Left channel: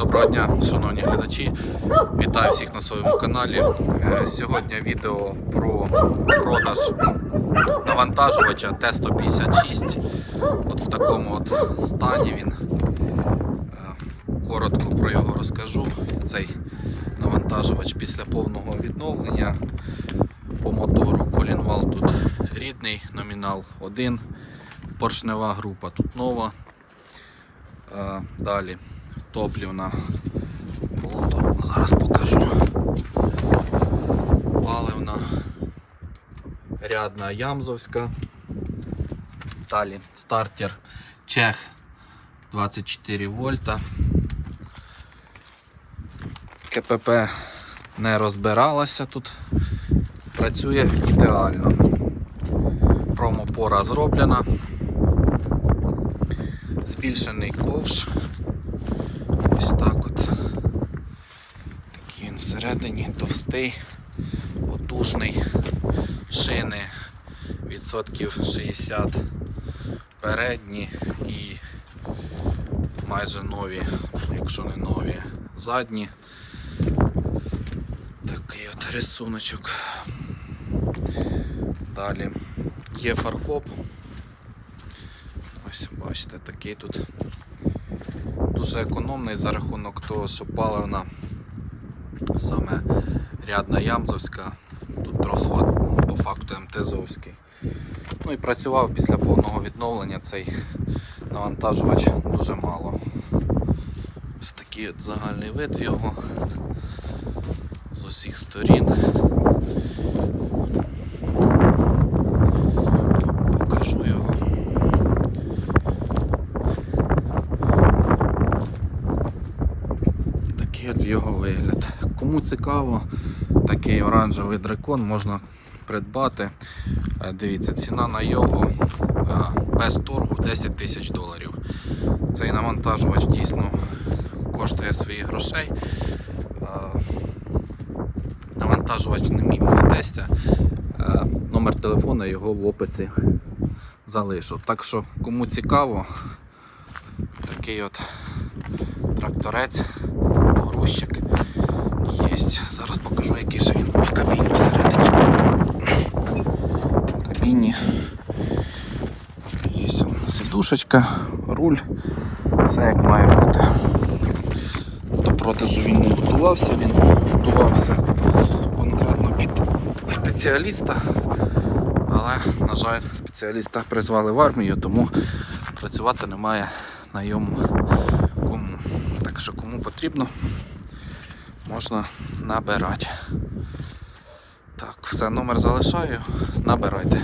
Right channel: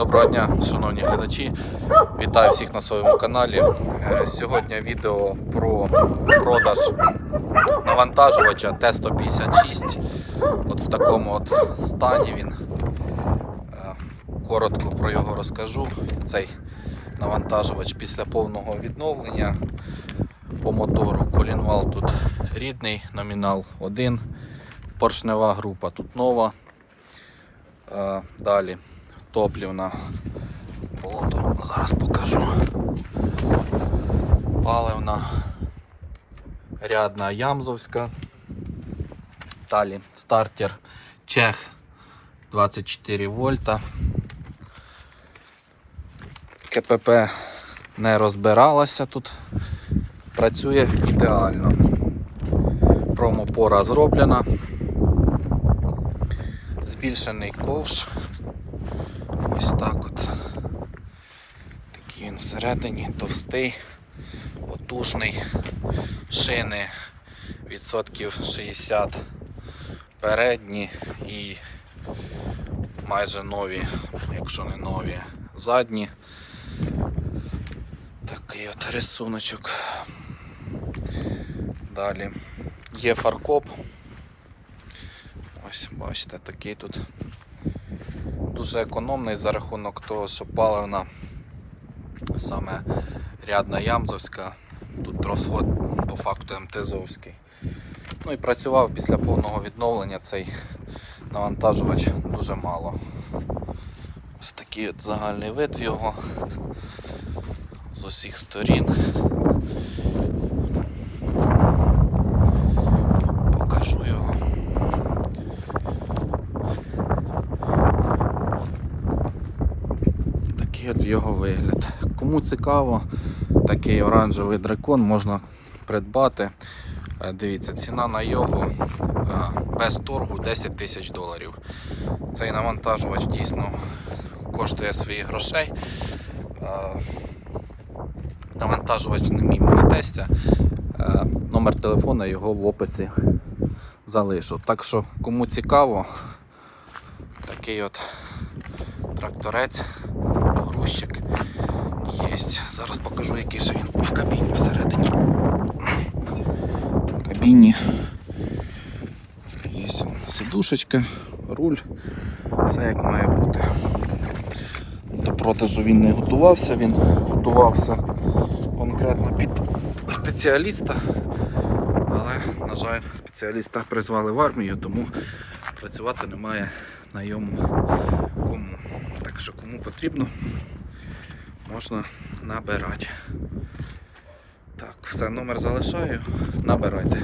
Доброго дня, шановні глядачі. Вітаю всіх на своєму каналі. Е, Сьогодні відео про продаж навантажувача Т-156. От в такому от стані він. Е, Коротко про його розкажу. Цей навантажувач після повного відновлення по мотору. Колінвал тут рідний, номінал 1. Поршнева група тут нова. Е, Топлівна. Зараз покажу. Паливна. Рядна Ямзовська. Далі стартер Чех 24 вольта. КПП не розбиралася тут. Працює ідеально. Промопора зроблена. Збільшений ковш. Ось так от. Такий він всередині, товстий, потужний, шини відсотків 60 передні і майже нові, якщо не нові, задні. Такий от рисуночок. Далі є фаркоп. Ось бачите, такий тут дуже економний за рахунок того, що паливна саме рядна Ямзовська, тут розход по факту МТЗовський. Ну і працював після повного відновлення цей навантажувач дуже мало. Ось такий от загальний вид його з усіх сторін. Покажу його. Такий от його вигляд. Кому цікаво, такий оранжевий дракон можна придбати. Е, Дивіться, ціна на його е, без торгу 10 тисяч доларів. Цей навантажувач дійсно коштує своїх грошей. Е, Навантажувач не мій тестя. Номер телефона його в описі залишу. Так що кому цікаво, такий от тракторець, погрузчик є. Зараз покажу, який же він в кабіні всередині. В кабіні є сидушечка, руль, все як має бути. До продажу він не готувався, він готувався конкретно під спеціаліста, але, на жаль, спеціаліста призвали в армію, тому працювати немає на йому кому. Так що кому потрібно, можна набирати. Так, все, номер залишаю, набирайте.